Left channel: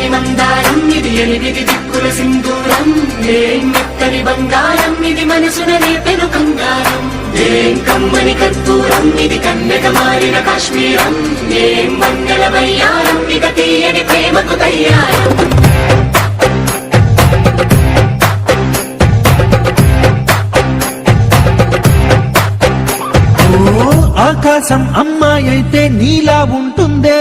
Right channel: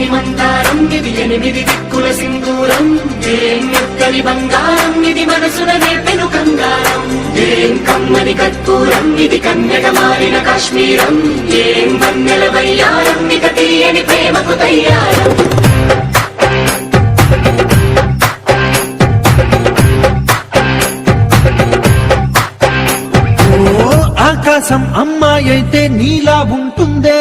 మెత్తని బంగారం ఇది ఎనిమిది దిక్కుల సింధూరం ఏం మెత్తని బంగారం ఇది మనసున నేర్పెను బంగారం ఏం కమ్మని కర్పూరం ఇది కన్నెట మారిన కాశ్మీరం ఏం మంగళ వయ్యారం ఇక తీయని ప్రేమకు తయ్యారం ఆకాశం అమ్మాయి అయితే నీలా ఉంటుందే